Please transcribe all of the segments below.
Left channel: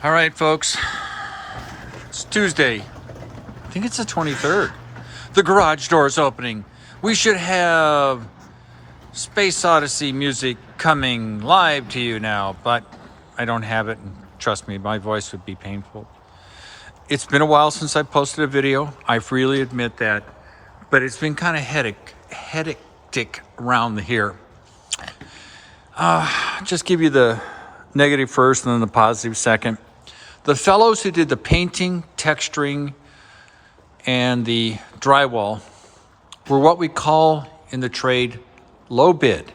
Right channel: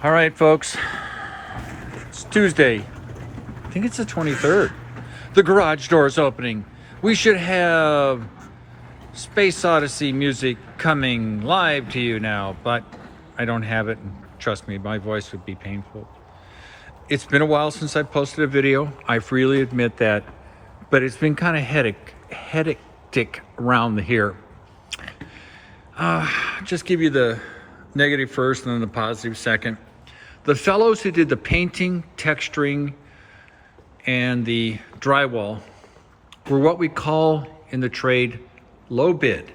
All right, folks, it's Tuesday. I think it's the 23rd. The garage door is opening. We should have Space Odyssey music coming live to you now, but I don't have it. And trust me, my voice would be painful. It's been a while since I posted a video. I freely admit that, but it's been kind of hectic around here. Just give you the negative first and then the positive second. The fellows who did the painting, texturing, and the drywall were what we call in the trade low bid.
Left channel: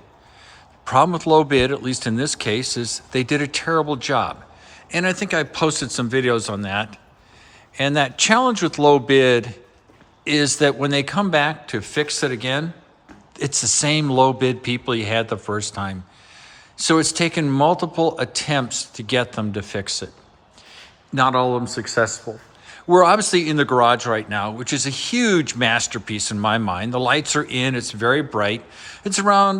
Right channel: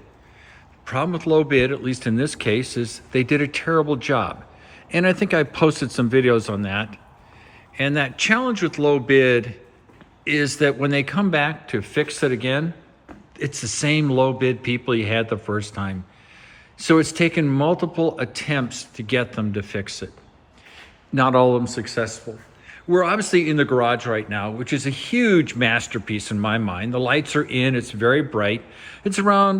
Problem with low bid, at least in this case, is they did a terrible job. And I think I posted some videos on that. And that challenge with low bid is that when they come back to fix it again, it's the same low bid people you had the first time. So it's taken multiple attempts to get them to fix it. Not all of them successful. We're obviously in the garage right now, which is a huge masterpiece in my mind. The lights are in, it's very bright. It's around,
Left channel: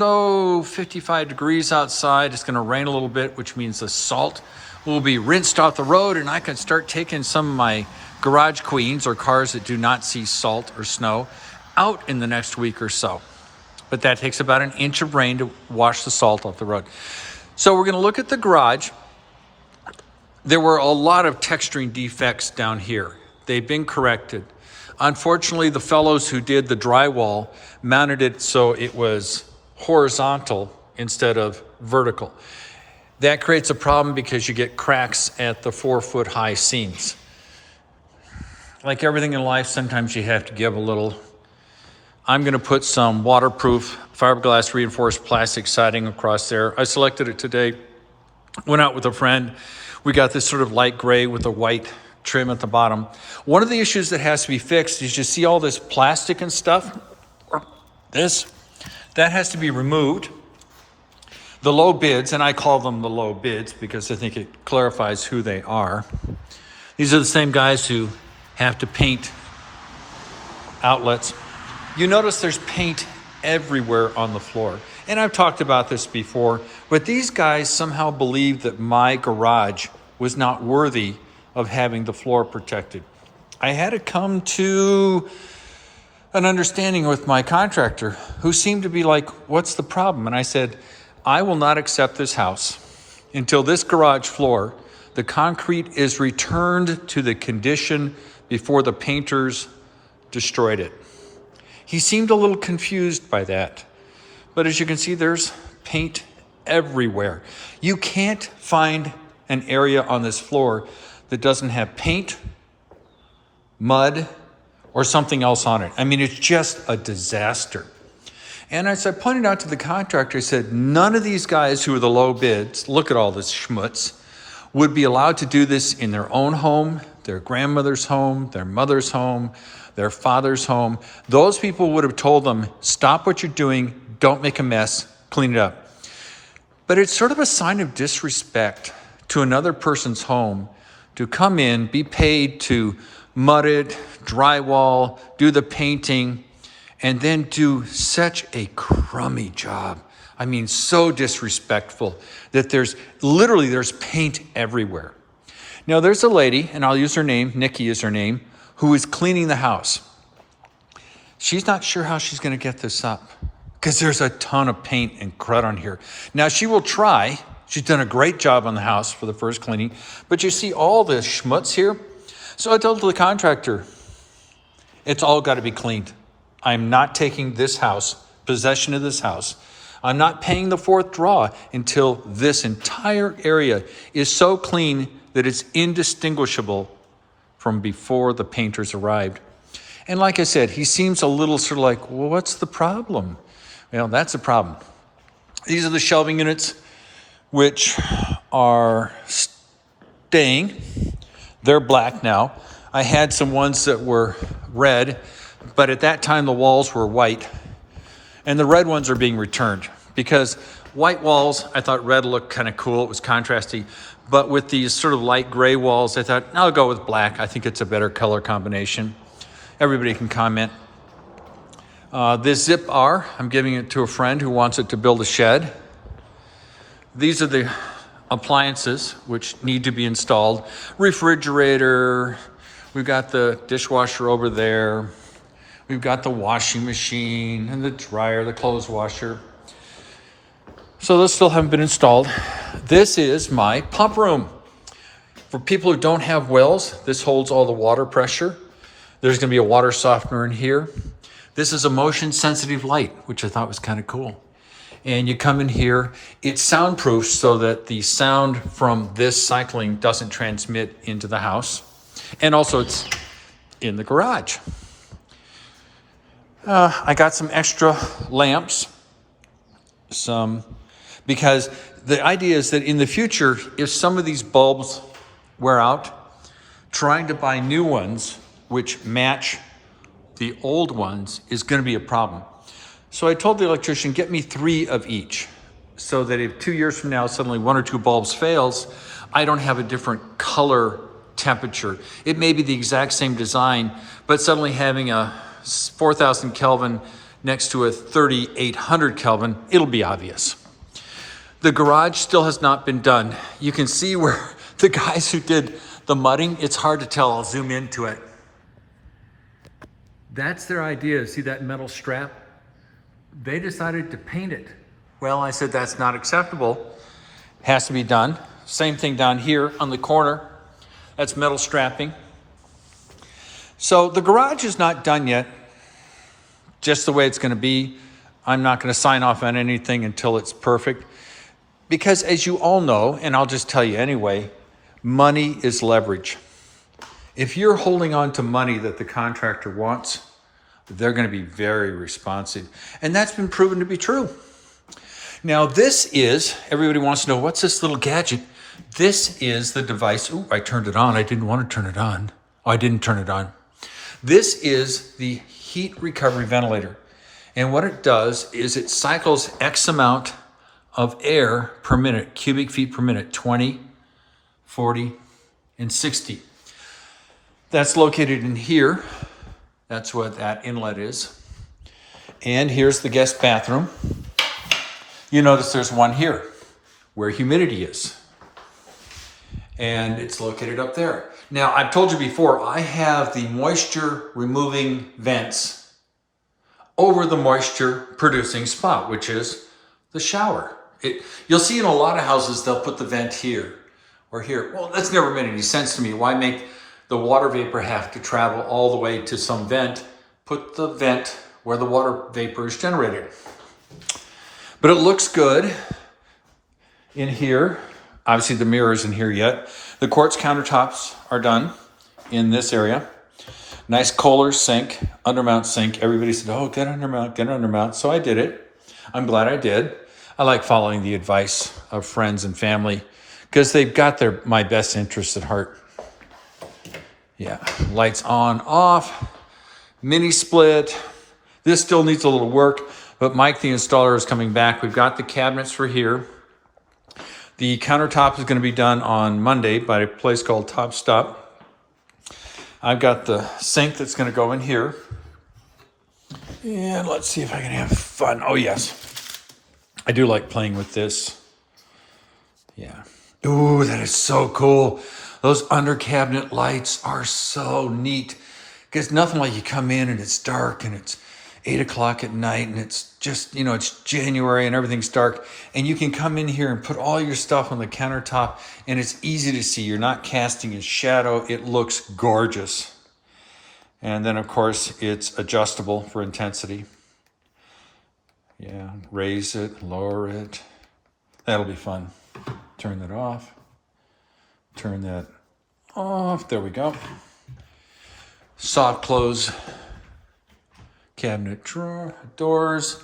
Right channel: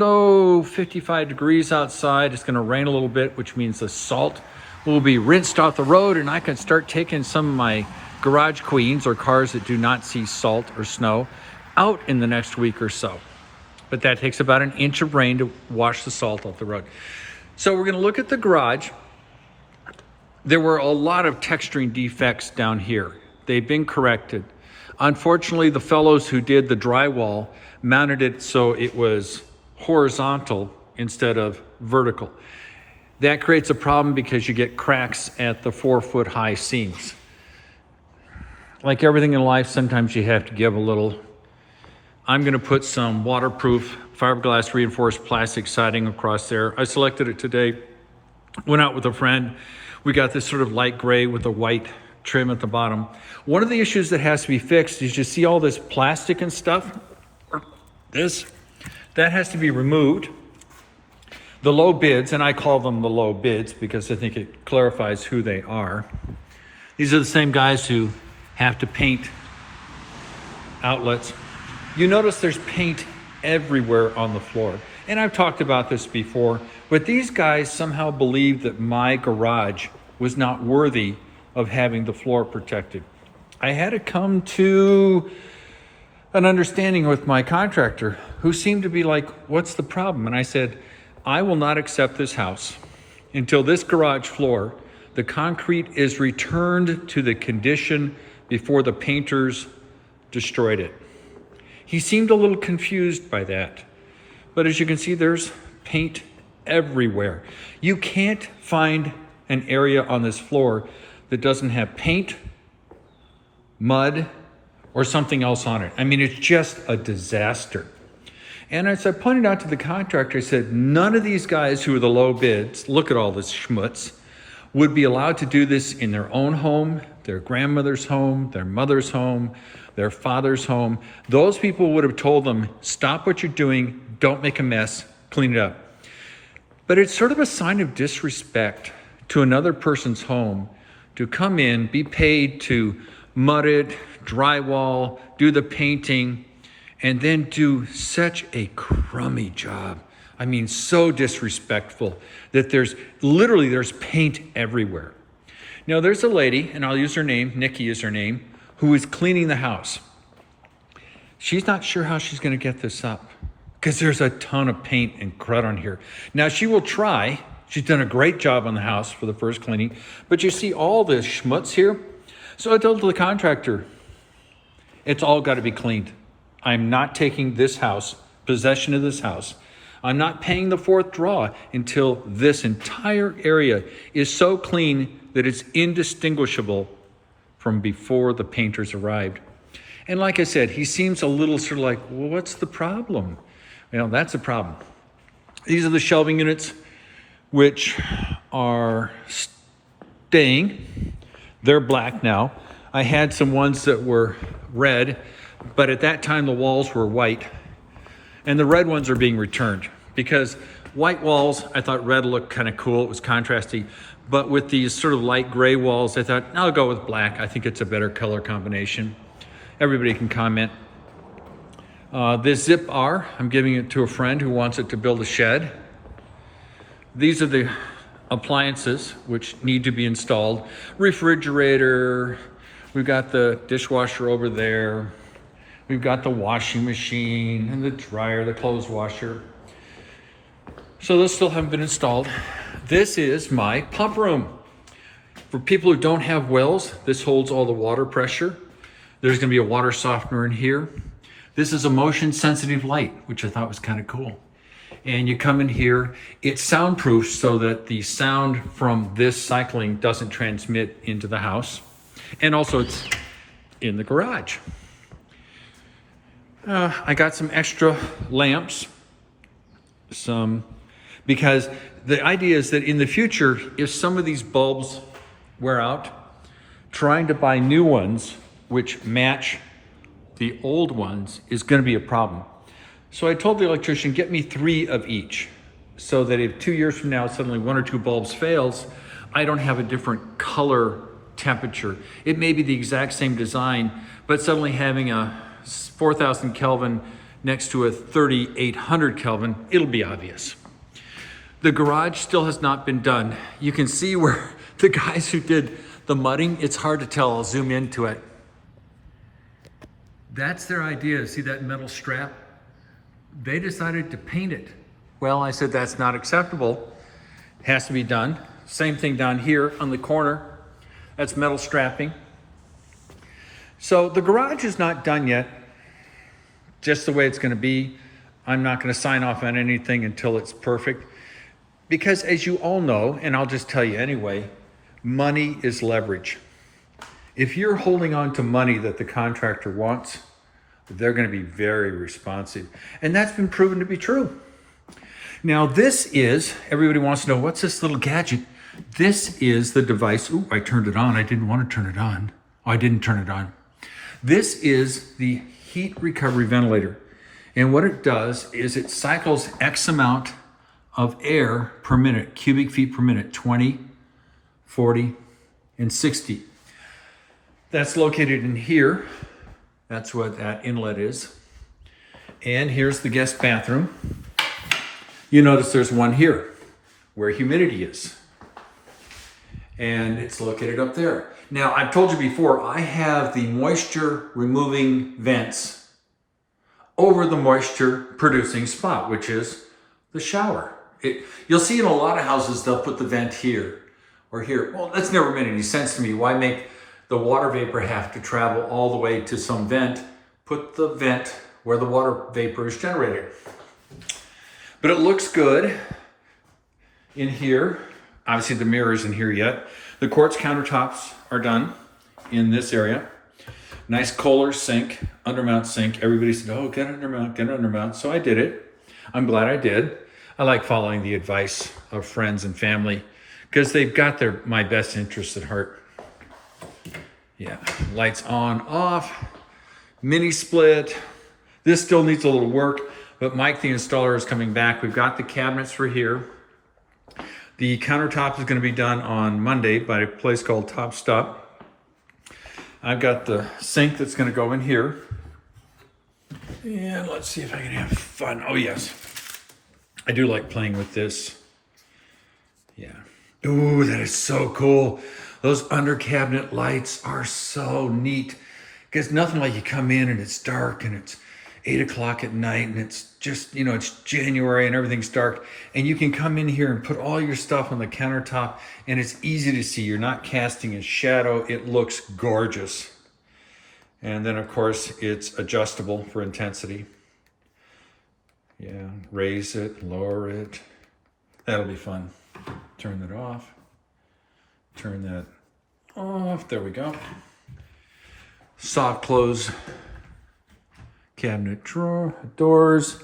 55 degrees outside. It's gonna rain a little bit, which means the salt will be rinsed off the road and I can start taking some of my garage queens or cars that do not see salt or snow out in the next week or so. But that takes about an inch of rain to wash the salt off the road. So we're gonna look at the garage. There were a lot of texturing defects down here. They've been corrected. Unfortunately, the fellows who did the drywall mounted it so it was horizontal instead of vertical. That creates a problem because you get cracks at the 4-foot high seams. Like everything in life, sometimes you have to give a little. I'm gonna put some waterproof fiberglass reinforced plastic siding across there. I selected it today, went out with a friend. We got this sort of light gray with a white trim at the bottom. One of the issues that has to be fixed is you see all this plastic and stuff, that has to be removed. The low bids, and I call them the low bids because I think it clarifies who they are. These are the same guys who have to paint outlets. You notice there's paint everywhere on the floor. And I've talked about this before, but these guys somehow believed that my garage was not worthy of having the floor protected. I had to come to an understanding with my contractor who seemed to be like, what's the problem? And I said, I will not accept this house until this garage floor, the concrete is returned to the condition before the painters destroyed it. He seemed a little confused by that. But as you can see, there's paint everywhere. You can't find an area on this floor that doesn't have paint, mud, or something else on it. I mean, it's just a disaster. And as I pointed out to the contractor, I said, none of these guys who are the low bids, look at all this schmutz, would be allowed to do this in their own home, their grandmother's home, their mother's home, their father's home. Those people would have told them, stop what you're doing, don't make a mess, clean it up. But it's sort of a sign of disrespect to another person's home to come in, be paid to mud it, drywall, do the painting, and then do such a crummy job. I mean, so disrespectful that there's paint everywhere. Now there's a lady, and I'll use her name, Nikki is her name, who is cleaning the house. She's not sure how she's gonna get this up because there's a ton of paint and crud on here. Now she will try. She's done a great job on the house for the first cleaning, but you see all this schmutz here. So I told the contractor, it's all gotta be cleaned. I'm not taking this house, possession of this house. I'm not paying the fourth draw until this entire area is so clean that it's indistinguishable from before the painters arrived. And like I said, he seems a little sort of like, well, what's the problem? Well, that's a problem. These are the shelving units, which are staying. They're black now. I had some ones that were red, but at that time the walls were white. And the red ones are being returned because white walls, I thought red looked kind of cool. It was contrasty. But with these sort of light gray walls, I thought, I'll go with black. I think it's a better color combination. Everybody can comment. This Zip R, I'm giving it to a friend who wants it to build a shed. These are the appliances which need to be installed. Refrigerator, we've got the dishwasher over there. We've got the washing machine and the dryer, the clothes washer. So those still haven't been installed. This is my pump room. For people who don't have wells, this holds all the water pressure. There's gonna be a water softener in here. This is a motion sensitive light, which I thought was kind of cool. And you come in here, it's soundproof so that the sound from this cycling doesn't transmit into the house. And also it's in the garage. I got some extra lamps, because the idea is that in the future, if some of these bulbs wear out, trying to buy new ones which match the old ones is going to be a problem. So I told the electrician, get me 3 of each, so that if 2 years from now suddenly 1 or 2 bulbs fails, I don't have a different color temperature. It may be the exact same design, but suddenly having a 4,000 Kelvin next to a 3,800 Kelvin, it'll be obvious. The garage still has not been done. You can see where the guys who did the mudding, it's hard to tell, I'll zoom into it. That's their idea, see that metal strap? They decided to paint it. Well, I said that's not acceptable, has to be done. Same thing down here on the corner, that's metal strapping. So the garage is not done yet, just the way it's gonna be. I'm not gonna sign off on anything until it's perfect. Because as you all know, and I'll just tell you anyway, money is leverage. If you're holding on to money that the contractor wants, they're gonna be very responsive. And that's been proven to be true. Now this is, everybody wants to know, what's this little gadget? This is the device, ooh, I turned it on. I didn't want to turn it on. Oh, I didn't turn it on. This is the heat recovery ventilator. And what it does is it cycles X amount of air per minute, cubic feet per minute, 20, 40, and 60. That's located in here. That's what that inlet is. And here's the guest bathroom. You notice there's one here where humidity is. And it's located up there. Now, I've told you before, I have the moisture removing vents over the moisture producing spot, which is the shower. You'll see in a lot of houses, they'll put the vent here or here. Well, that's never made any sense to me. Why make the water vapor have to travel all the way to some vent? Put the vent where the water vapor is generated. But it looks good in here. Obviously the mirror isn't here yet. The quartz countertops are done in this area. Nice Kohler sink, undermount sink. Everybody said, oh, get undermount. So I did it. I'm glad I did. I like following the advice of friends and family because they've got my best interests at heart. Yeah, lights on, off, mini split. This still needs a little work, but Mike, the installer, is coming back. We've got the cabinets for here. The countertop is going to be done on Monday by a place called Top Stop. I've got the sink that's going to go in here. And let's see if I can have fun. Oh, yes. I do like playing with this. Yeah. Ooh, that is so cool. Those under cabinet lights are so neat. Because nothing like you come in and it's dark and it's 8 o'clock at night and it's just, it's January and everything's dark. And you can come in here and put all your stuff on the countertop and it's easy to see. You're not casting a shadow. It looks gorgeous. And then of course it's adjustable for intensity. Yeah, raise it, lower it. That'll be fun. Turn that off. Turn that off. There we go. Soft close cabinet drawer, doors.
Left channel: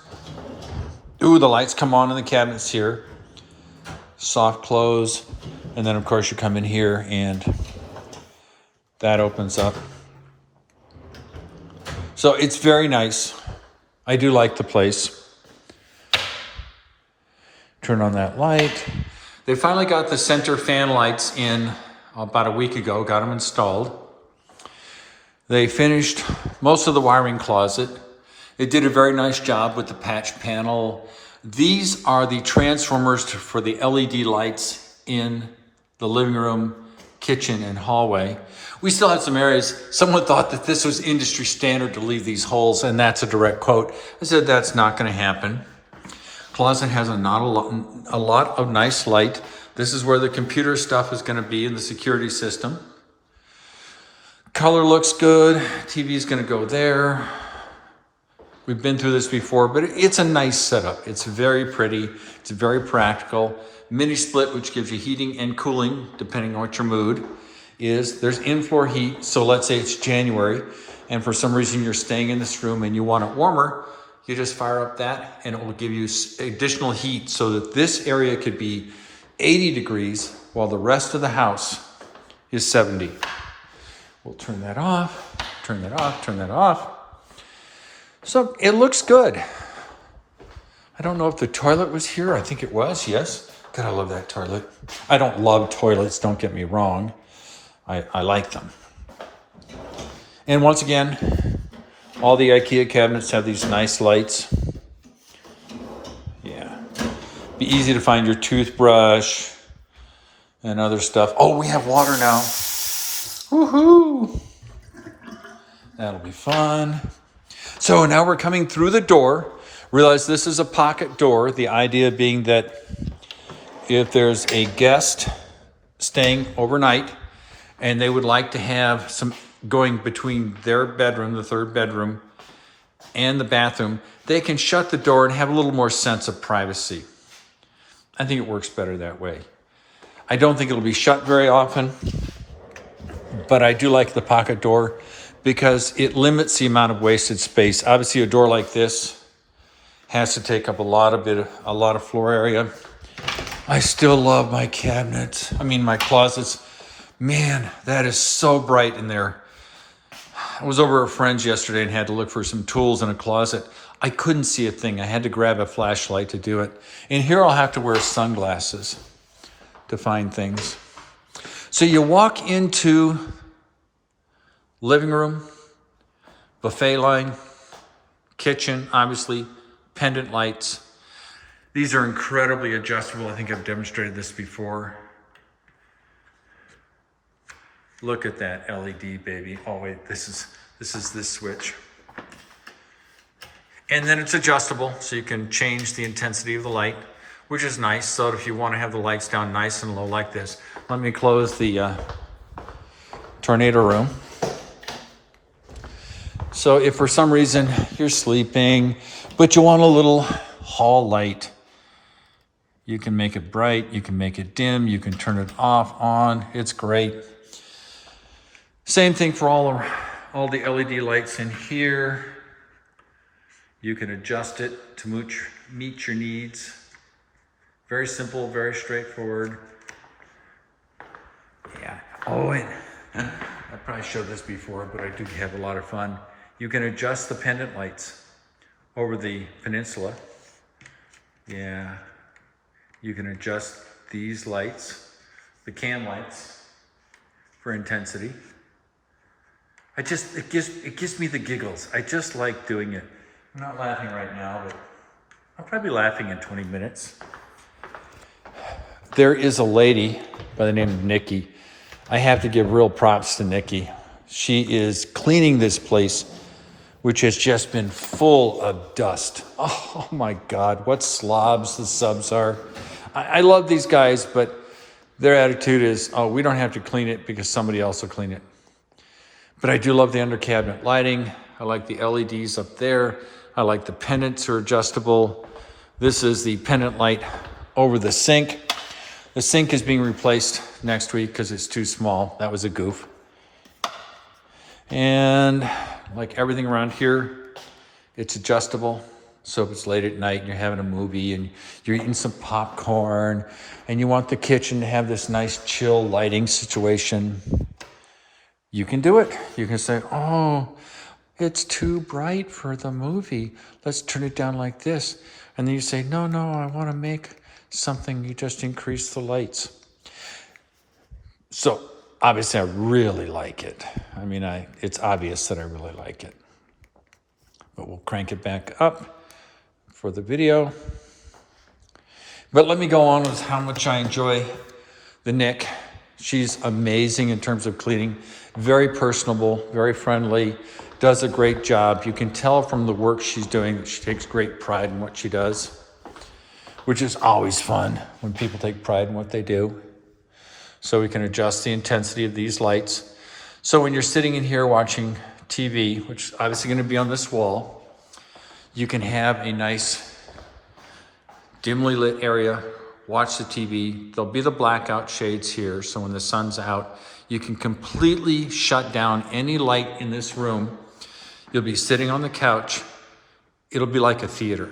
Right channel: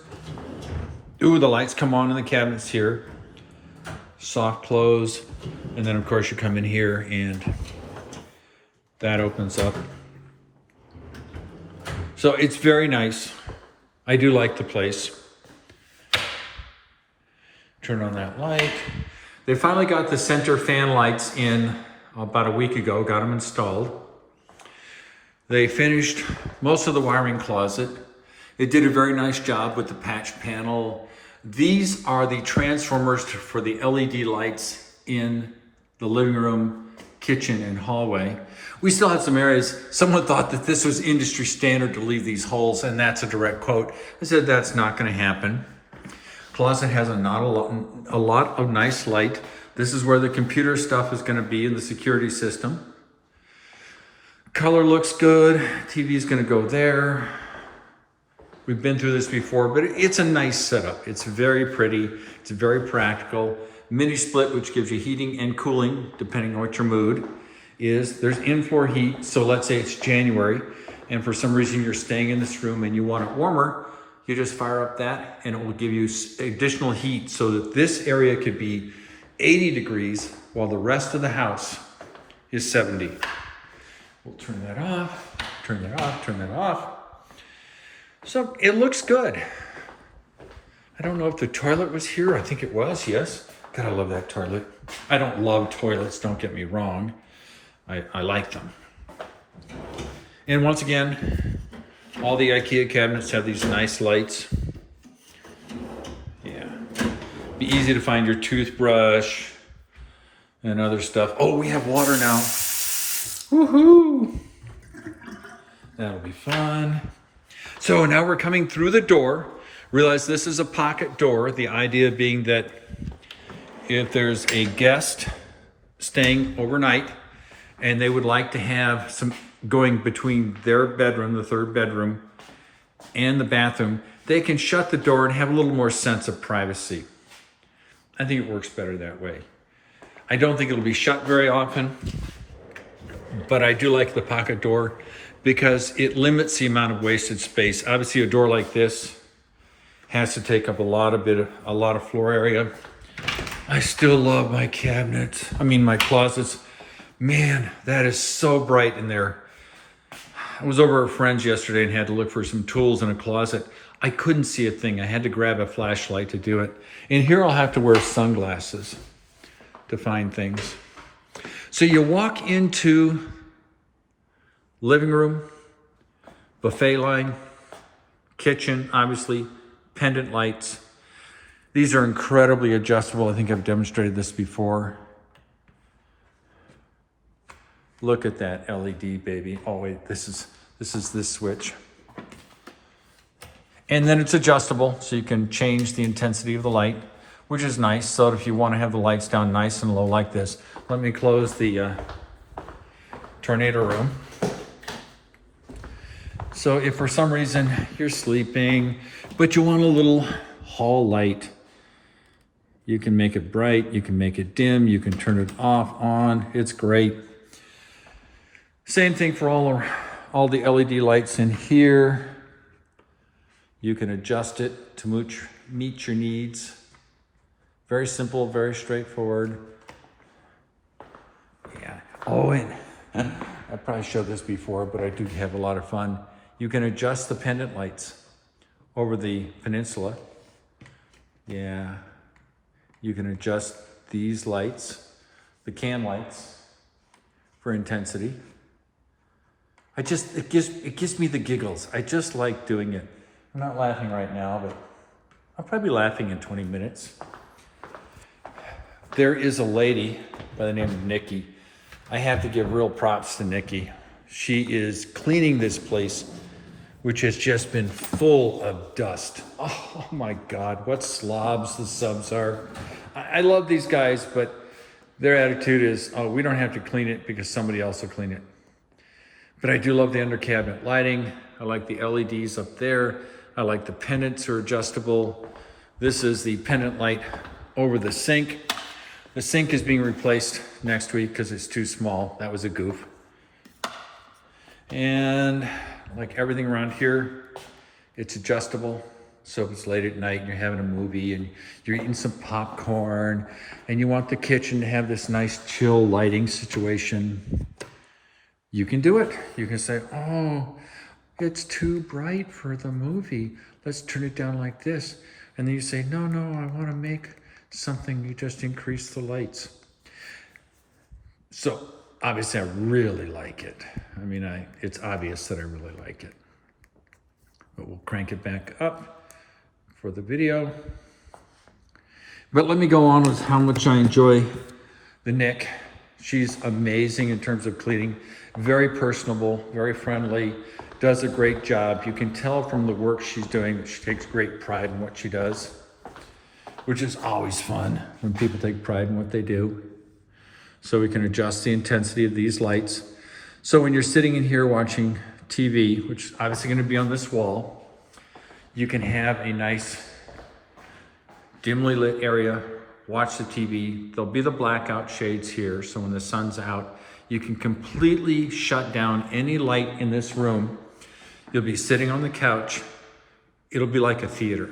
Ooh, the lights come on in the cabinets here. Soft close. And then of course you come in here and that opens up. So it's very nice. I do like the place. Turn on that light. They finally got the center fan lights in about a week ago, got them installed. They finished most of the wiring closet. They did a very nice job with the patch panel. These are the transformers for the LED lights in the living room, kitchen, and hallway. We still had some areas. Someone thought that this was industry standard to leave these holes, and that's a direct quote. I said, that's not gonna happen. Closet has a lot of nice light. This is where the computer stuff is gonna be in the security system. Color looks good. TV is gonna go there. We've been through this before, but it's a nice setup. It's very pretty, it's very practical. Mini split, which gives you heating and cooling, depending on what your mood is. There's in-floor heat, so let's say it's January, and for some reason you're staying in this room and you want it warmer, you just fire up that and it will give you additional heat so that this area could be 80 degrees while the rest of the house is 70. We'll turn that off, turn that off, turn that off. So it looks good. I don't know if the toilet was here. I think it was, yes. God, I love that toilet. I don't love toilets, don't get me wrong. I like them. And once again, all the IKEA cabinets have these nice lights. Yeah. Be easy to find your toothbrush and other stuff. Oh, we have water now. Woohoo! That'll be fun. So now we're coming through the door. Realize this is a pocket door. The idea being that if there's a guest staying overnight and they would like to have some going between their bedroom, the third bedroom, and the bathroom, they can shut the door and have a little more sense of privacy. I think it works better that way. I don't think it'll be shut very often, but I do like the pocket door because it limits the amount of wasted space. Obviously, a door like this has to take up a lot of floor area. I still love my cabinets. I mean, my closets. Man, that is so bright in there. I was over at a friend's yesterday and had to look for some tools in a closet. I couldn't see a thing. I had to grab a flashlight to do it. And here I'll have to wear sunglasses to find things. So you walk into living room, buffet line, kitchen, obviously, pendant lights. These are incredibly adjustable. I think I've demonstrated this before. Look at that LED, baby. Oh wait, this is this switch. And then it's adjustable, so you can change the intensity of the light, which is nice. So if you want to have the lights down nice and low like this, let me close the tornado room. So if for some reason you're sleeping, but you want a little hall light, you can make it bright, you can make it dim, you can turn it off, on. It's great. Same thing for all the LED lights in here. You can adjust it to meet your needs. Very simple, very straightforward. Yeah. Oh, and I probably showed this before, but I do have a lot of fun. You can adjust the pendant lights over the peninsula. Yeah. You can adjust these lights, the can lights, for intensity. It gives me the giggles. I just like doing it. I'm not laughing right now, but I'll probably be laughing in 20 minutes. There is a lady by the name of Nikki. I have to give real props to Nikki. She is cleaning this place, which has just been full of dust. Oh my God, what slobs the subs are. I love these guys, but their attitude is, oh, we don't have to clean it because somebody else will clean it. But I do love the under cabinet lighting. I like the LEDs up there. I like the pendants are adjustable. This is the pendant light over the sink. The sink is being replaced next week because it's too small. That was a goof. And like everything around here, it's adjustable. So if it's late at night and you're having a movie and you're eating some popcorn and you want the kitchen to have this nice chill lighting situation, you can do it. You can say, oh, it's too bright for the movie. Let's turn it down like this. And then you say, no, I want to make something. You just increase the lights. So obviously I really like it. I mean, it's obvious that I really like it. But we'll crank it back up for the video. But let me go on with how much I enjoy the Nick. She's amazing in terms of cleaning, very personable, very friendly, does a great job. You can tell from the work she's doing that she takes great pride in what she does, which is always fun when people take pride in what they do. So we can adjust the intensity of these lights. So when you're sitting in here watching TV, which is obviously going to be on this wall, you can have a nice dimly lit area, watch the TV. There'll be the blackout shades here, so when the sun's out, you can completely shut down any light in this room. You'll be sitting on the couch. It'll be like a theater.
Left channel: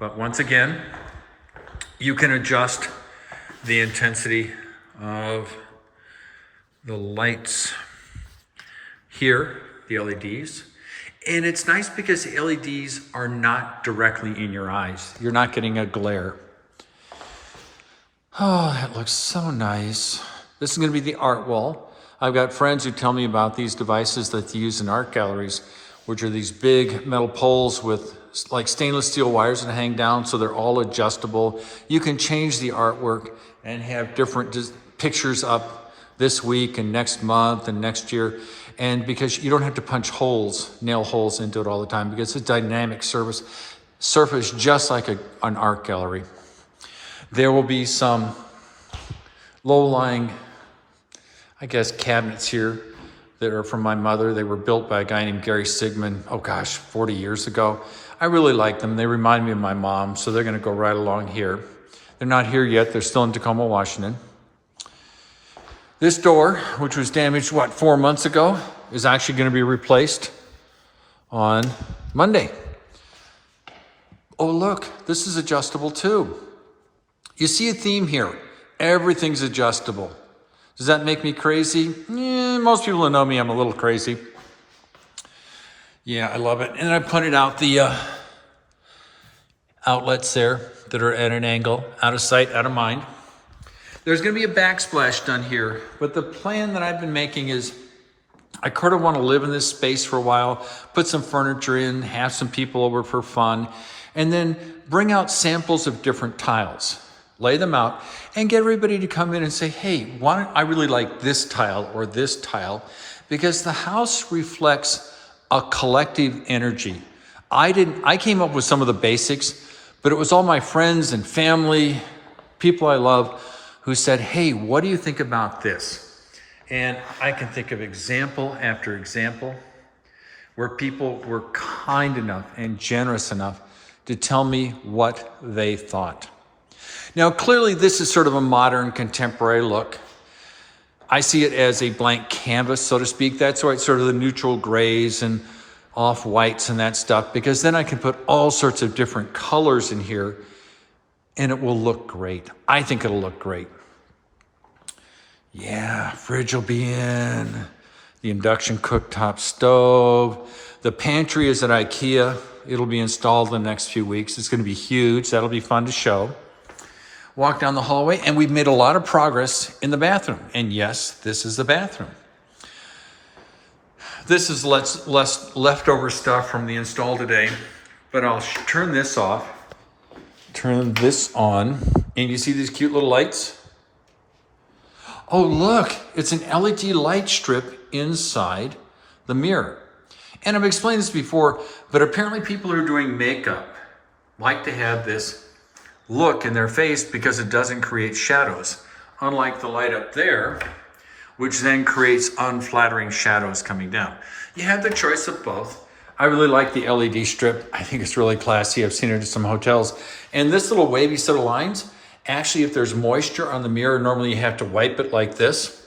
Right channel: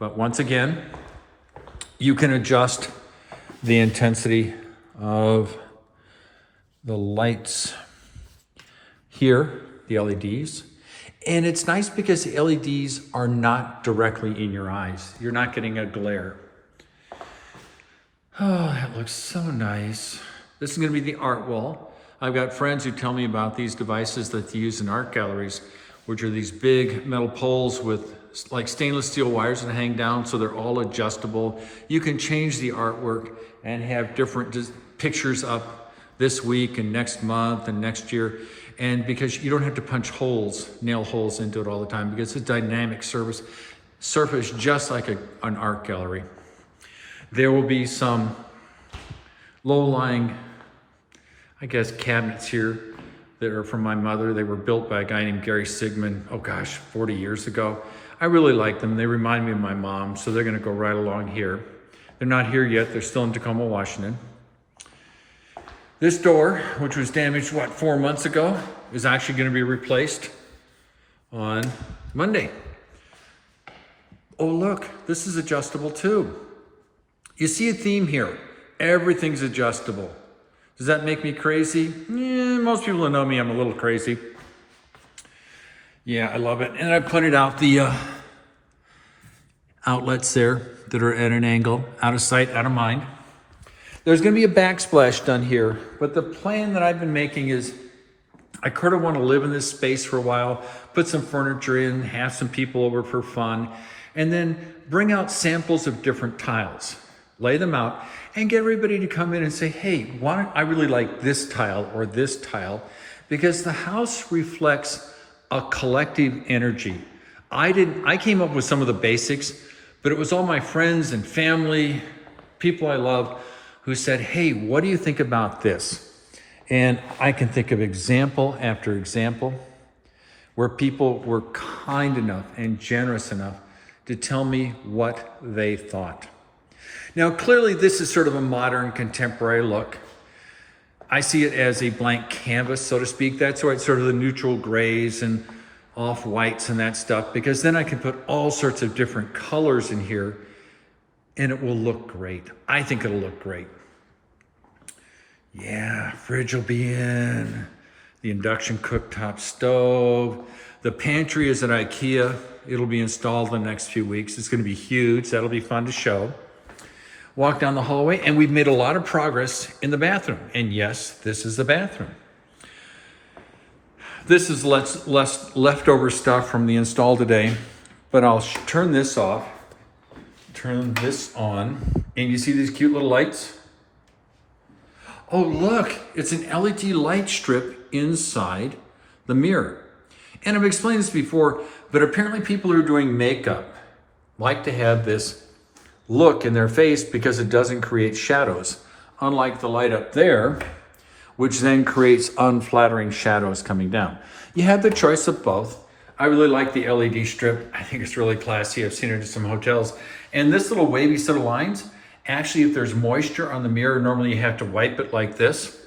But once again, you can adjust the intensity of the lights here, the LEDs. And it's nice because the LEDs are not directly in your eyes. You're not getting a glare. Oh, that looks so nice. This is gonna be the art wall. I've got friends who tell me about these devices that they use in art galleries, which are these big metal poles with like stainless steel wires that hang down, so they're all adjustable. You can change the artwork and have different pictures up this week and next month and next year. And because you don't have to punch holes, nail holes into it all the time, because it's a dynamic surface just like an art gallery. There will be some low-lying, I guess, cabinets here that are from my mother. They were built by a guy named Gary Sigmund, 40 years ago. I really like them. They remind me of my mom, so they're gonna go right along here. They're not here yet. They're still in Tacoma, Washington. This door, which was damaged, 4 months ago, is actually gonna be replaced on Monday. Oh, look, this is adjustable too. You see a theme here. Everything's adjustable. Does that make me crazy? Most people who know me, I'm a little crazy. Yeah, I love it. And I pointed out the outlets there that are at an angle, out of sight, out of mind. There's gonna be a backsplash done here, but the plan that I've been making is I kind of want to live in this space for a while, put some furniture in, have some people over for fun, and then bring out samples of different tiles, lay them out, and get everybody to come in and say, hey, I really like this tile or this tile, because the house reflects a collective energy. I came up with some of the basics, but it was all my friends and family, people I love, who said, hey, what do you think about this? And I can think of example after example where people were kind enough and generous enough to tell me what they thought. Now, clearly this is sort of a modern contemporary look. I see it as a blank canvas, so to speak. That's why it's sort of the neutral grays and off-whites and that stuff, because then I can put all sorts of different colors in here and it will look great. I think it'll look great. Yeah, fridge will be in, the induction cooktop stove. The pantry is at IKEA. It'll be installed in the next few weeks. It's gonna be huge. That'll be fun to show. Walk down the hallway, and we've made a lot of progress in the bathroom. And yes, this is the bathroom. This is less leftover stuff from the install today, but I'll turn this off, turn this on, and you see these cute little lights? Oh, look, it's an LED light strip inside the mirror. And I've explained this before, but apparently people who are doing makeup like to have this look in their face because it doesn't create shadows, unlike the light up there, which then creates unflattering shadows coming down. You have the choice of both. I really like the LED strip. I think it's really classy. I've seen it in some hotels. And this little wavy set of lines, actually, if there's moisture on the mirror, normally you have to wipe it like this.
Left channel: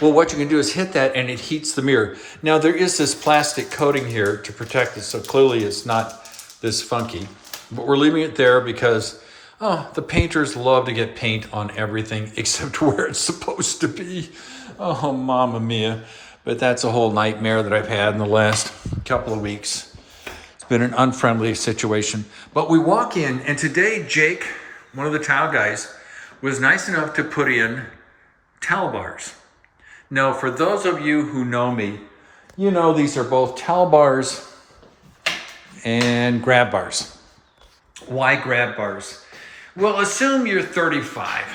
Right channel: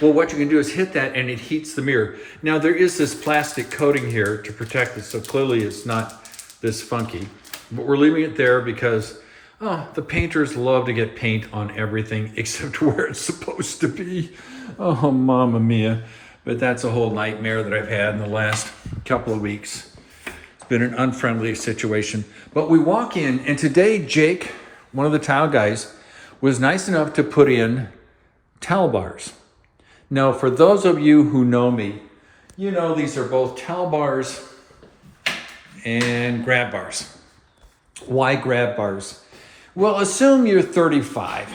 Well, what you can do is hit that and it heats the mirror. Now, there is this plastic coating here to protect it, so clearly it's not this funky. But we're leaving it there because, the painters love to get paint on everything except where it's supposed to be. Oh, mamma mia. But that's a whole nightmare that I've had in the last couple of weeks. It's been an unfriendly situation. But we walk in, and today Jake, one of the tile guys, was nice enough to put in towel bars. Now, for those of you who know me, you know these are both towel bars and grab bars. Why grab bars? Well, assume you're 35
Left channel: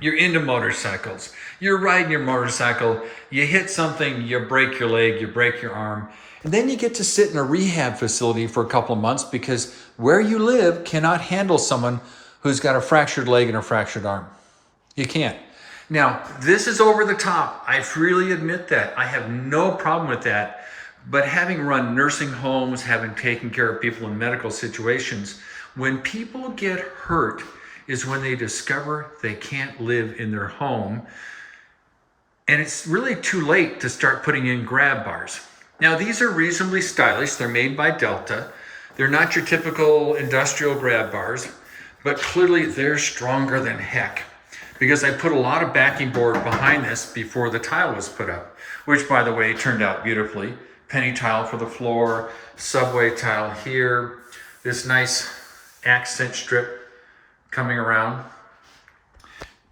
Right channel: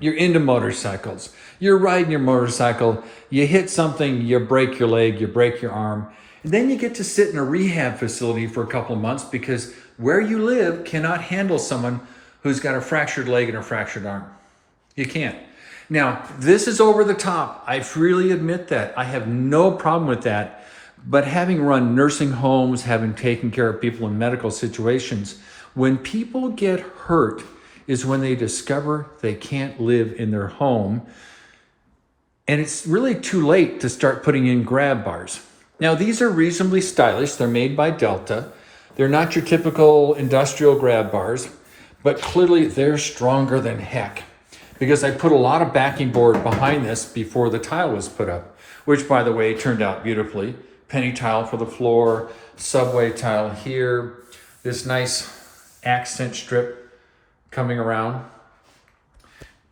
You're into motorcycles. You're riding your motorcycle. You hit something, you break your leg, you break your arm. And then you get to sit in a rehab facility for a couple of months because where you live cannot handle someone who's got a fractured leg and a fractured arm. You can't. Now, this is over the top. I freely admit that. I have no problem with that. But having run nursing homes, having taken care of people in medical situations, when people get hurt is when they discover they can't live in their home. And it's really too late to start putting in grab bars. Now, these are reasonably stylish. They're made by Delta. They're not your typical industrial grab bars, but clearly they're stronger than heck because I put a lot of backing board behind this before the tile was put up, which, by the way, turned out beautifully. Penny tile for the floor, subway tile here, this nice accent strip coming around,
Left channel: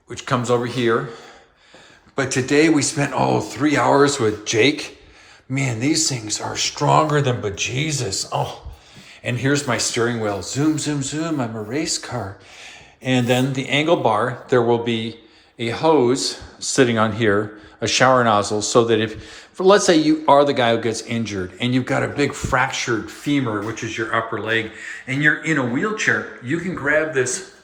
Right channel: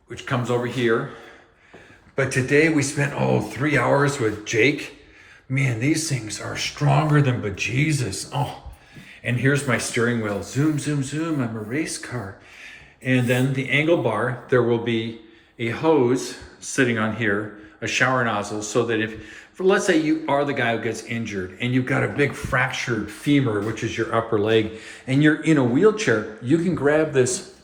which comes over here. But today we spent, 3 hours with Jake. Man, these things are stronger than bejesus. Oh, and here's my steering wheel. Zoom, zoom, zoom. I'm a race car. And then the angle bar, there will be a hose sitting on here, a shower nozzle, so that let's say you are the guy who gets injured and you've got a big fractured femur, which is your upper leg, and you're in a wheelchair, you can grab this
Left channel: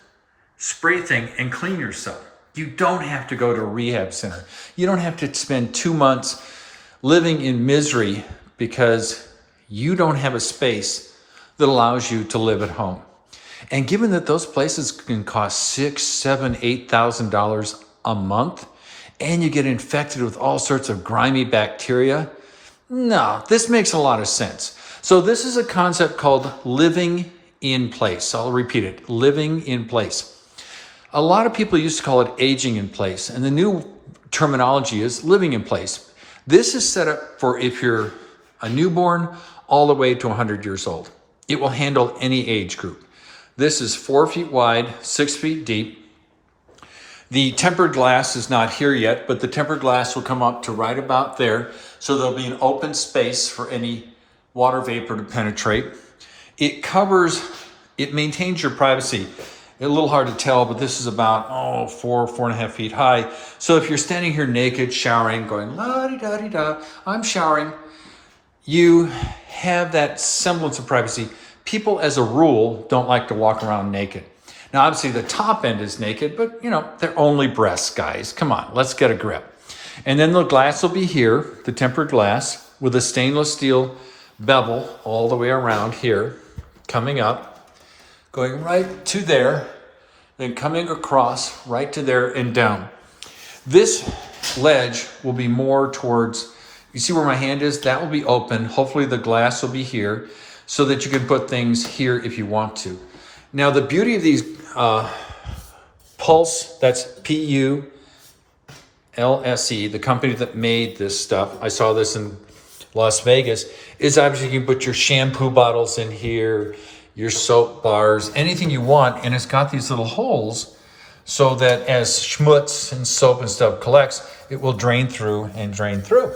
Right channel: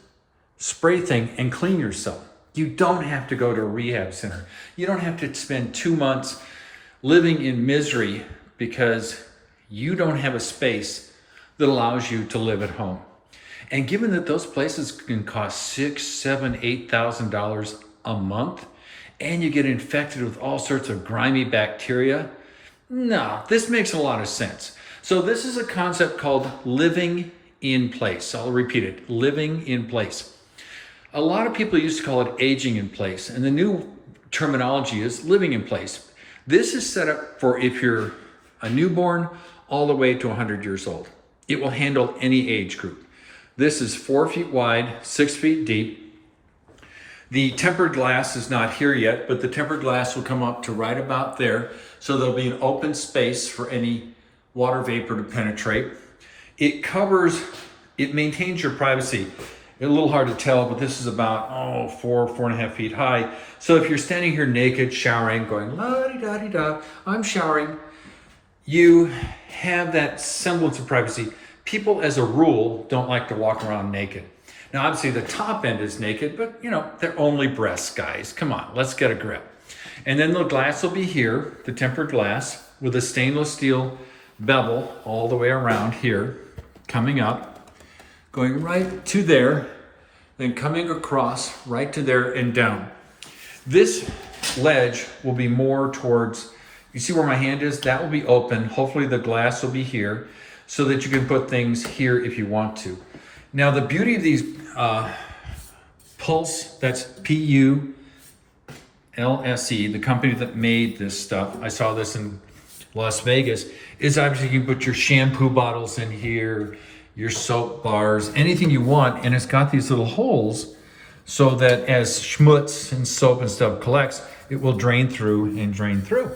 spray thing and clean yourself. You don't have to go to a rehab center. You don't have to spend 2 months living in misery because you don't have a space that allows you to live at home. And given that those places can cost $6,000, $7,000, $8,000 a month, and you get infected with all sorts of grimy bacteria, no, this makes a lot of sense. So this is a concept called living in place. I'll repeat it, living in place. A lot of people used to call it aging in place, and the new terminology is living in place. This is set up for if you're a newborn all the way to 100 years old. It will handle any age group. This is 4 feet wide, 6 feet deep. The tempered glass is not here yet, but the tempered glass will come up to right about there. So there'll be an open space for any water vapor to penetrate. It maintains your privacy. A little hard to tell, but this is about, 4.5 feet high. So if you're standing here naked, showering, going, la-di-da-di-da, I'm showering, you have that semblance of privacy. People, as a rule, don't like to walk around naked. Now, obviously, the top end is naked, but, they're only breasts, guys. Come on, let's get a grip. And then the glass will be here, the tempered glass, with a stainless steel bevel all the way around here, coming up, going right to there, then coming across right to there and down. This ledge will be more towards, you see where my hand is? That will be open. Hopefully the glass will be here so that you can put things here if you want to. Now, the beauty of these Pulse, that's P-U-L-S-E, the company that made this stuff, I saw this in Las Vegas, is obviously you can put your shampoo bottles in here, your soap bars, anything you want, and it's got these little holes so that as schmutz and soap and stuff collects, it will drain through and drain through.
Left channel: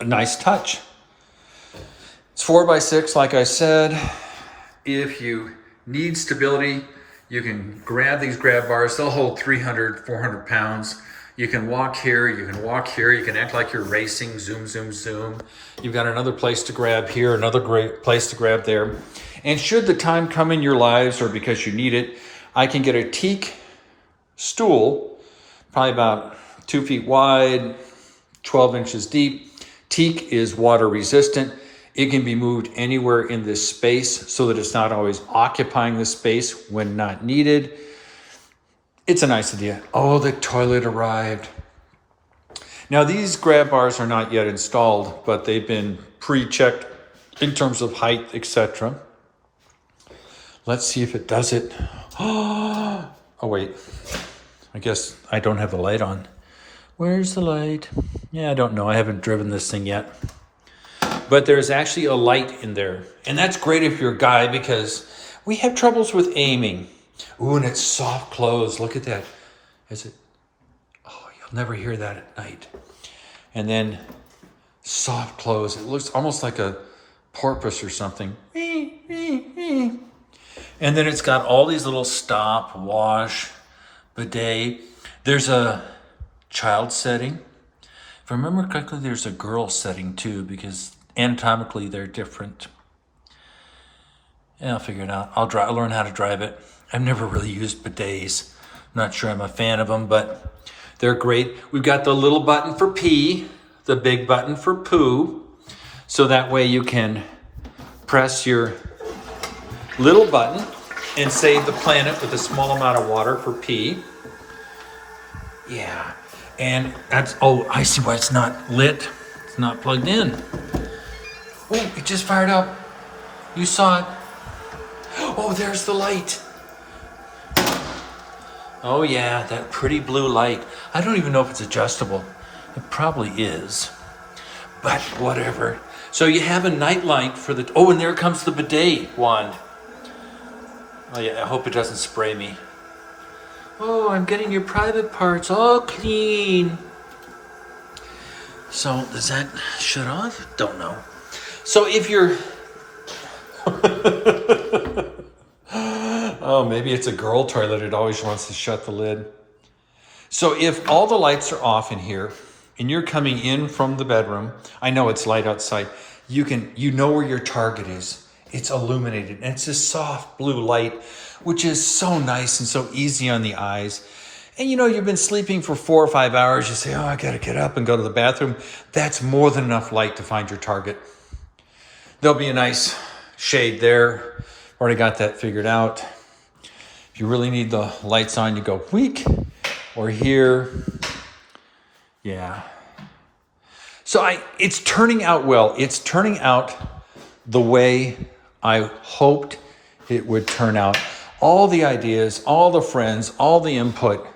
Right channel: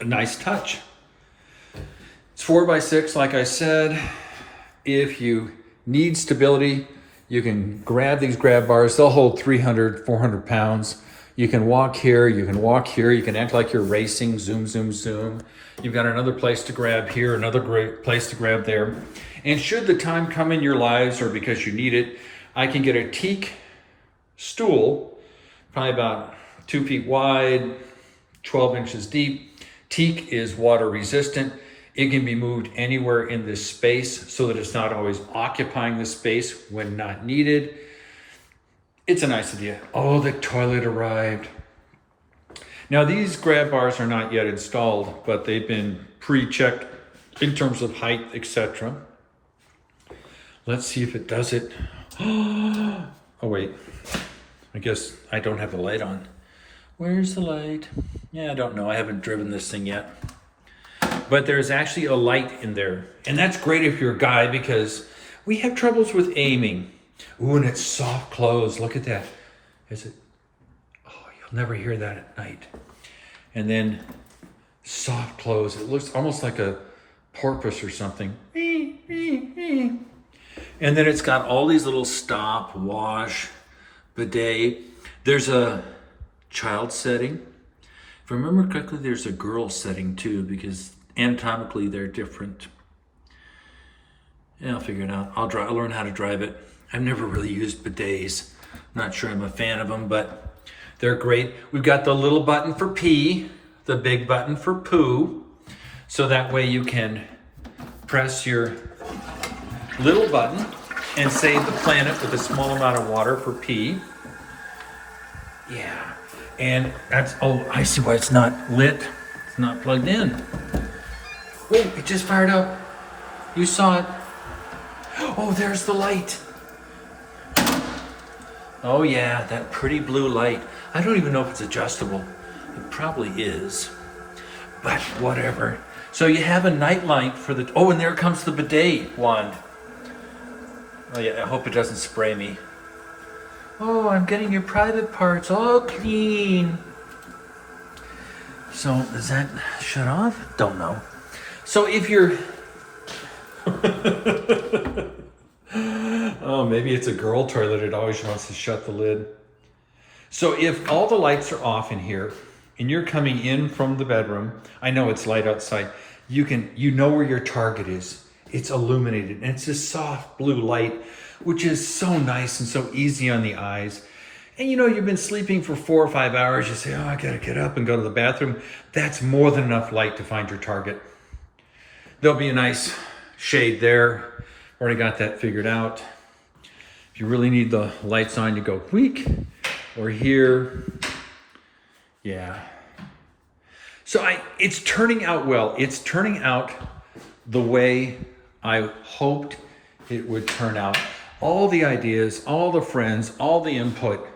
A nice touch. It's 4x6, like I said. If you need stability, you can grab these grab bars. They'll hold 300, 400 pounds. You can walk here, you can walk here, you can act like you're racing, zoom, zoom, zoom. You've got another place to grab here, another great place to grab there. And should the time come in your lives or because you need it, I can get a teak stool, probably about 2 feet wide, 12 inches deep. Teak is water resistant. It can be moved anywhere in this space so that it's not always occupying the space when not needed. It's a nice idea. Oh, the toilet arrived. Now, these grab bars are not yet installed, but they've been pre-checked in terms of height, etc. Let's see if it does it. Oh, wait. I guess I don't have the light on. Where's the light? Yeah, I don't know. I haven't driven this thing yet. But there's actually a light in there. And that's great if you're a guy because we have troubles with aiming. Ooh, and it's soft close. Look at that. Is it? Oh, you'll never hear that at night. And then soft close. It looks almost like a porpoise or something. And then it's got all these little stop, wash, bidet. There's a child setting. If I remember correctly, there's a girl setting too, because anatomically they're different. Yeah, I'll figure it out. I'll learn how to drive it. I've never really used bidets. I'm not sure I'm a fan of them, but they're great. We've got the little button for pee, the big button for poo. So that way you can press your little button and save the planet with a small amount of water for pee. Yeah, and that's, oh, I see why it's not lit. It's not plugged in. Oh, it just fired up. You saw it. Oh, there's the light. Oh yeah, that pretty blue light. I don't even know if it's adjustable. It probably is, but whatever. So you have a night light for the, oh, and there comes the bidet wand. Oh yeah, I hope it doesn't spray me. Oh, I'm getting your private parts all clean. So does that shut off? Don't know. So if you're, oh, maybe it's a girl toilet. It always wants to shut the lid. So if all the lights are off in here and you're coming in from the bedroom, I know it's light outside. You know where your target is. It's illuminated and it's this soft blue light, which is so nice and so easy on the eyes. And you know, you've been sleeping for 4 or 5 hours. You say, oh, I got to get up and go to the bathroom. That's more than enough light to find your target. There'll be a nice shade there. Already got that figured out. If you really need the lights on, you go weak or here. Yeah. So it's turning out well. It's turning out the way I hoped it would turn out. All the ideas, all the friends, all the input,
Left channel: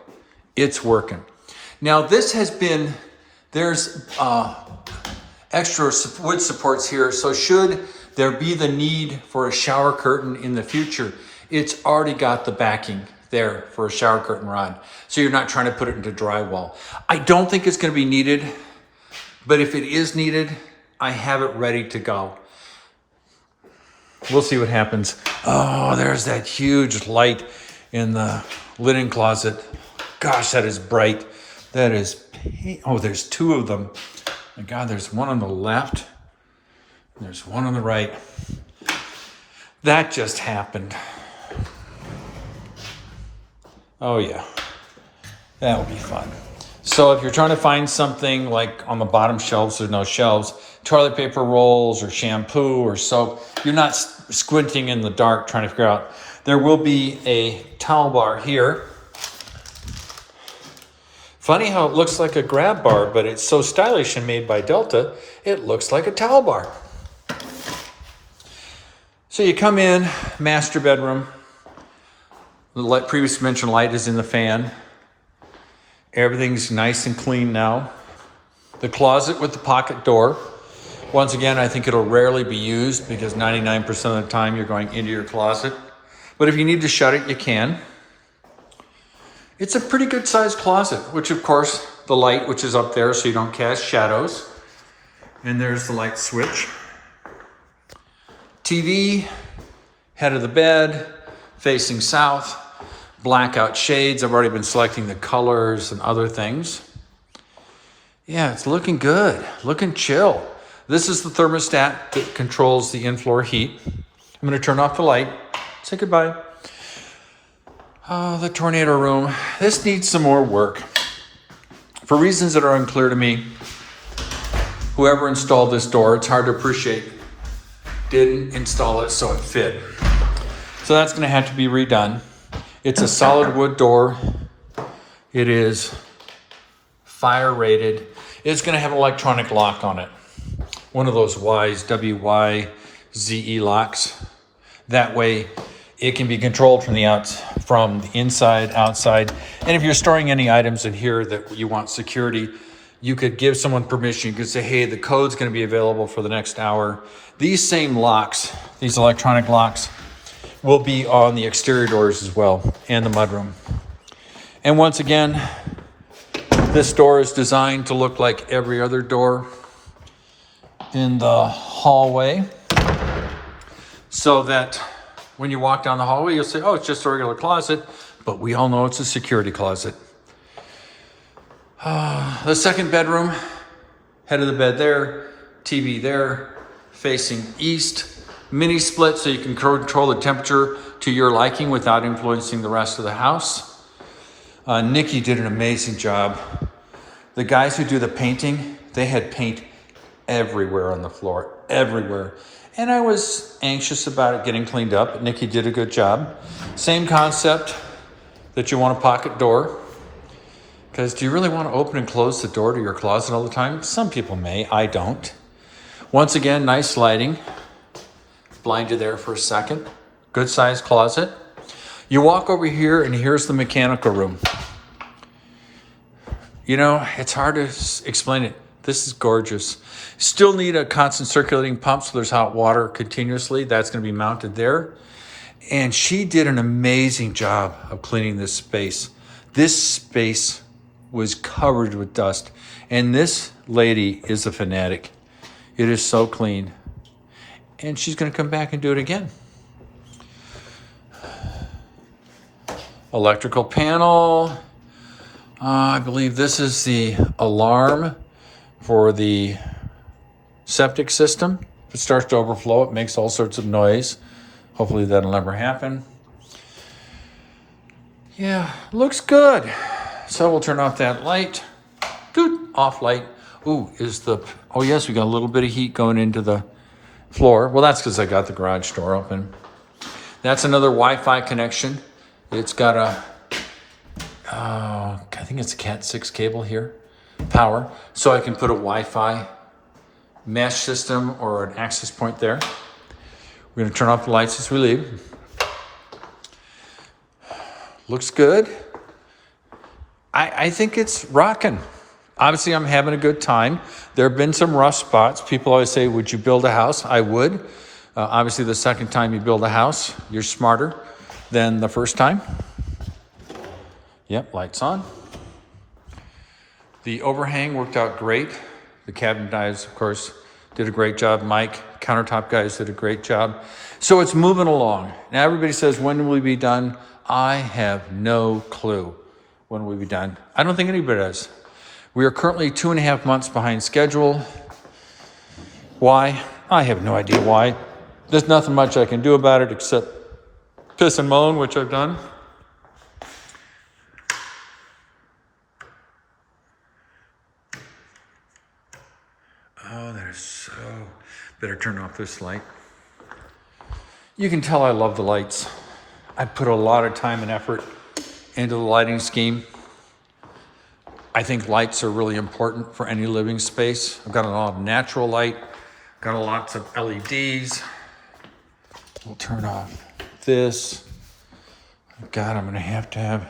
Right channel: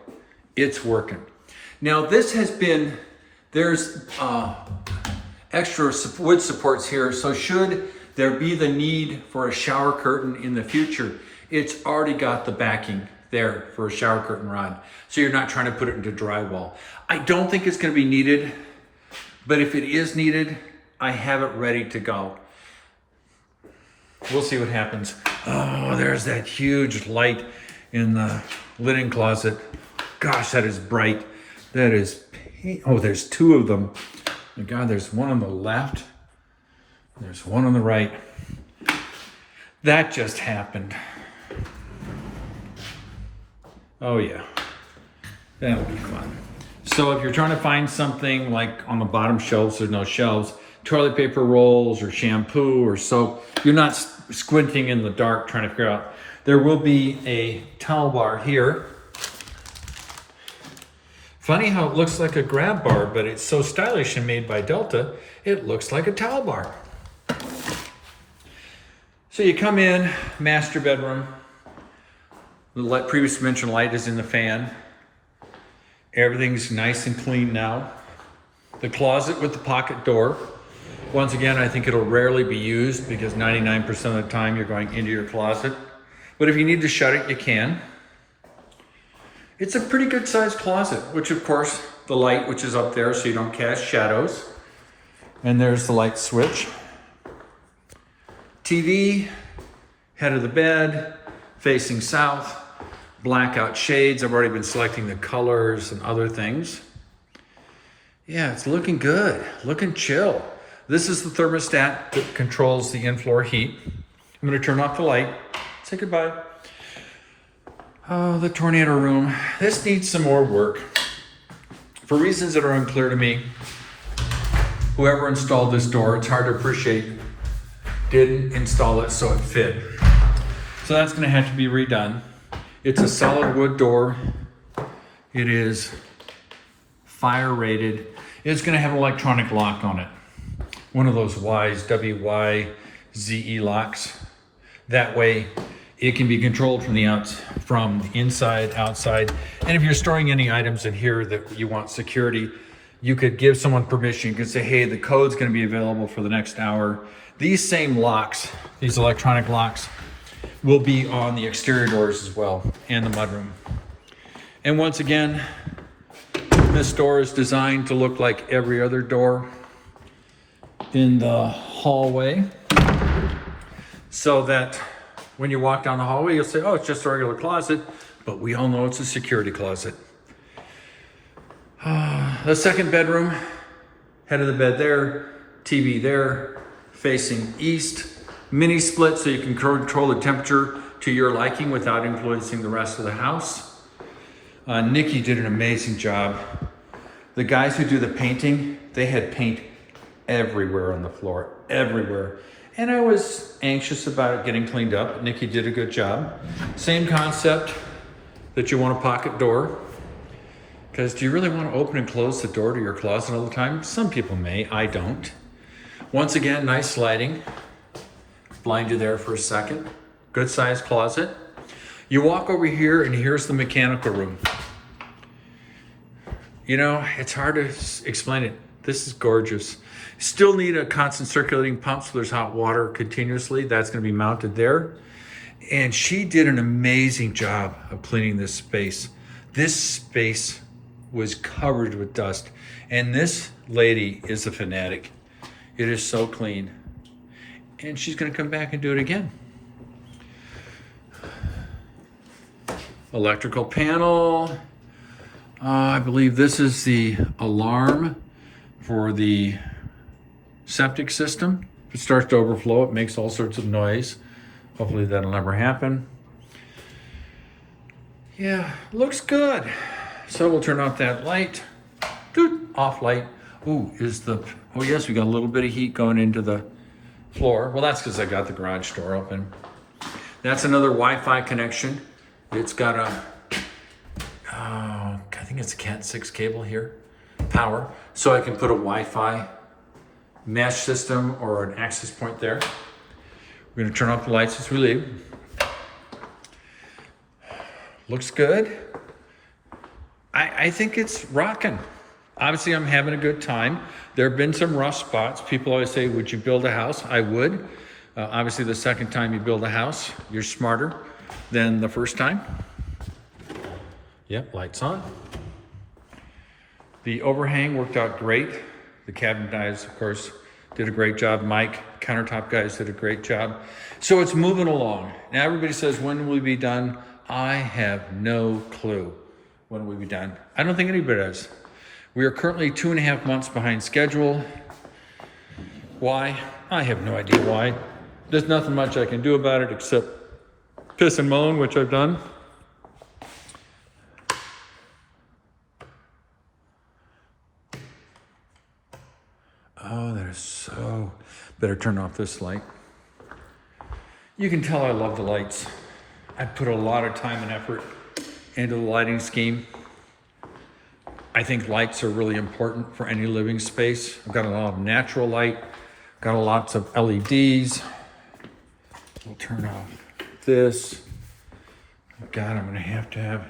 it's working. Now this has been, there's extra wood supports here. So should there be the need for a shower curtain in the future, it's already got the backing there for a shower curtain rod. So you're not trying to put it into drywall. I don't think it's going to be needed, but if it is needed, I have it ready to go. We'll see what happens. Oh, there's that huge light in the linen closet. Gosh, that is bright. That is, oh, there's 2 of them. My God, there's one on the left. There's one on the right. That just happened. Oh yeah, that will be fun. So if you're trying to find something like on the bottom shelves, there's no shelves, toilet paper rolls or shampoo or soap, you're not squinting in the dark trying to figure out. There will be a towel bar here. Funny how it looks like a grab bar, but it's so stylish and made by Delta, it looks like a towel bar. So you come in, master bedroom. The previously mentioned light is in the fan. Everything's nice and clean now. The closet with the pocket door. Once again, I think it'll rarely be used because 99% of the time you're going into your closet. But if you need to shut it, you can. It's a pretty good sized closet, which of course, the light, which is up there so you don't cast shadows. And there's the light switch. TV, head of the bed, facing south, blackout shades. I've already been selecting the colors and other things. Yeah, it's looking good, looking chill. This is the thermostat that controls the in-floor heat. I'm gonna turn off the light. Say goodbye. Oh, the tornado room. This needs some more work. For reasons that are unclear to me, whoever installed this door, it's hard to appreciate, didn't install it so it fit. So that's gonna have to be redone. It's a solid wood door. It is fire rated. It's gonna have an electronic lock on it. One of those Y's, W-Y-Z-E locks. That way it can be controlled from the inside, outside. And if you're storing any items in here that you want security, you could give someone permission. You could say, hey, the code's gonna be available for the next hour. These same locks, these electronic locks, will be on the exterior doors as well, and the mudroom. And once again, this door is designed to look like every other door in the hallway, so that when you walk down the hallway, you'll say, oh, it's just a regular closet, but we all know it's a security closet. The second bedroom, head of the bed there, TV there, facing east, mini split so you can control the temperature to your liking without influencing the rest of the house. Nikki did an amazing job. The guys who do the painting, they had paint everywhere on the floor, everywhere. And I was anxious about it getting cleaned up, but Nikki did a good job. Same concept that you want a pocket door. Because do you really want to open and close the door to your closet all the time? Some people may, I don't. Once again, nice lighting. Blind you there for a second. Good sized closet. You walk over here and here's the mechanical room. You know, it's hard to explain it. This is gorgeous. Still need a constant circulating pump so there's hot water continuously. That's going to be mounted there. And she did an amazing job of cleaning this space. This space was covered with dust. And this lady is a fanatic. It is so clean. And she's going to come back and do it again. Electrical panel. I believe this is the alarm for the septic system. If it starts to overflow, it makes all sorts of noise. Hopefully that'll never happen. Yeah, looks good. So we'll turn off that light. Doot, off light. Ooh, oh yes, we got a little bit of heat going into the floor. Well, that's because I got the garage door open. That's another Wi-Fi connection. It's got I think it's a Cat 6 cable here, power. So I can put a Wi-Fi mesh system or an access point there. We're gonna turn off the lights as we leave. Looks good. I think it's rocking. Obviously, I'm having a good time. There have been some rough spots. People always say, would you build a house? I would. Obviously, the second time you build a house, you're smarter than the first time. Yep, lights on. The overhang worked out great. The cabinet guys, of course, did a great job. Mike, countertop guys did a great job. So it's moving along. Now everybody says, when will we be done? I have no clue when we'll be done. I don't think anybody does. We are currently 2.5 months behind schedule. Why? I have no idea why. There's nothing much I can do about it except piss and moan, which I've done. Oh, that is so... Better turn off this light. You can tell I love the lights. I put a lot of time and effort into the lighting scheme. I think lights are really important for any living space. I've got a lot of natural light, got lots of LEDs. We'll turn off this. God, I'm gonna have to have...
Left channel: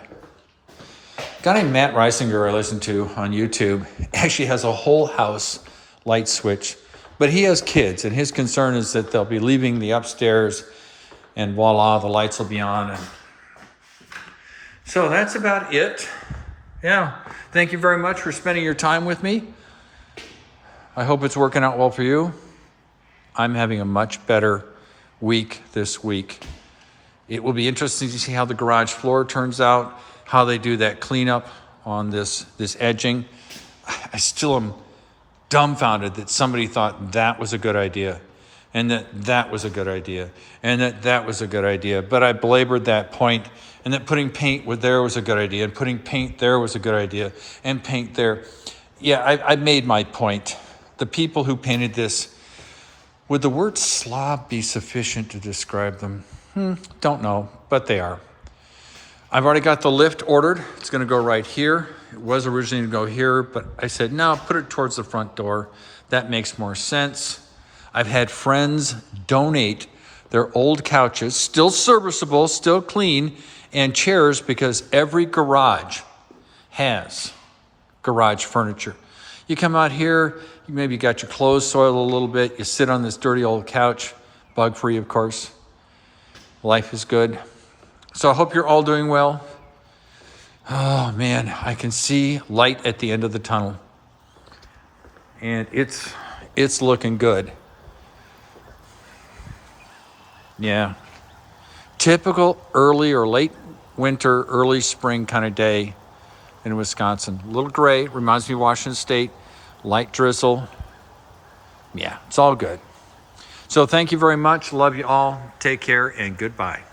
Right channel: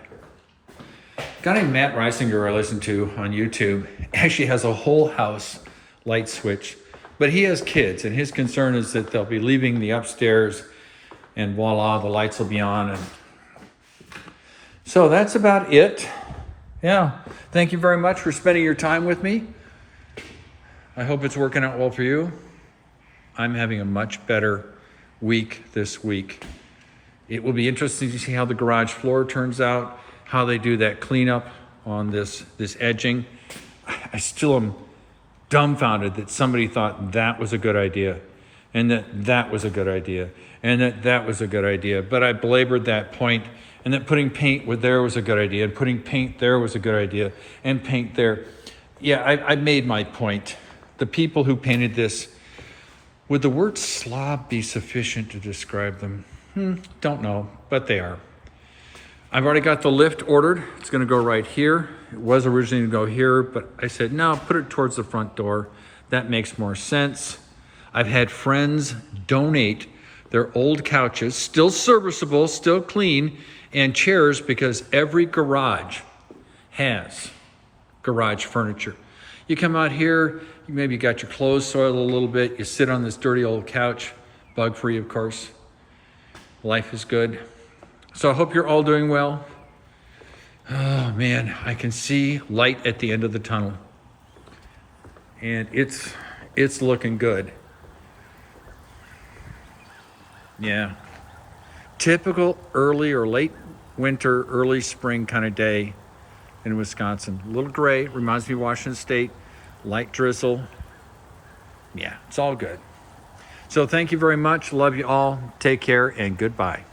Guy named Matt Reisinger I listen to on YouTube actually has a whole house light switch, but he has kids and his concern is that they'll be leaving the upstairs and voila, the lights will be on. And so that's about it. Yeah, thank you very much for spending your time with me. I hope it's working out well for you. I'm having a much better week this week. It will be interesting to see how the garage floor turns out, how they do that cleanup on this edging. I still am dumbfounded that somebody thought that was a good idea and that was a good idea and that was a good idea. But I belabored that point, and that putting paint there was a good idea, and putting paint there was a good idea, and paint there. Yeah, I made my point. The people who painted this, would the word slob be sufficient to describe them? Don't know, but they are. I've already got the lift ordered. It's gonna go right here. It was originally to go here, but I said, no, put it towards the front door. That makes more sense. I've had friends donate their old couches, still serviceable, still clean, and chairs, because every garage has garage furniture. You come out here, you maybe got your clothes soiled a little bit, you sit on this dirty old couch, bug-free, of course. Life is good. So I hope you're all doing well. Oh man, I can see light at the end of the tunnel. And it's looking good. Yeah. Typical early or late winter, early spring kind of day in Wisconsin. A little gray, reminds me of Washington State, light drizzle. Yeah, it's all good. So thank you very much. Love you all. Take care and goodbye.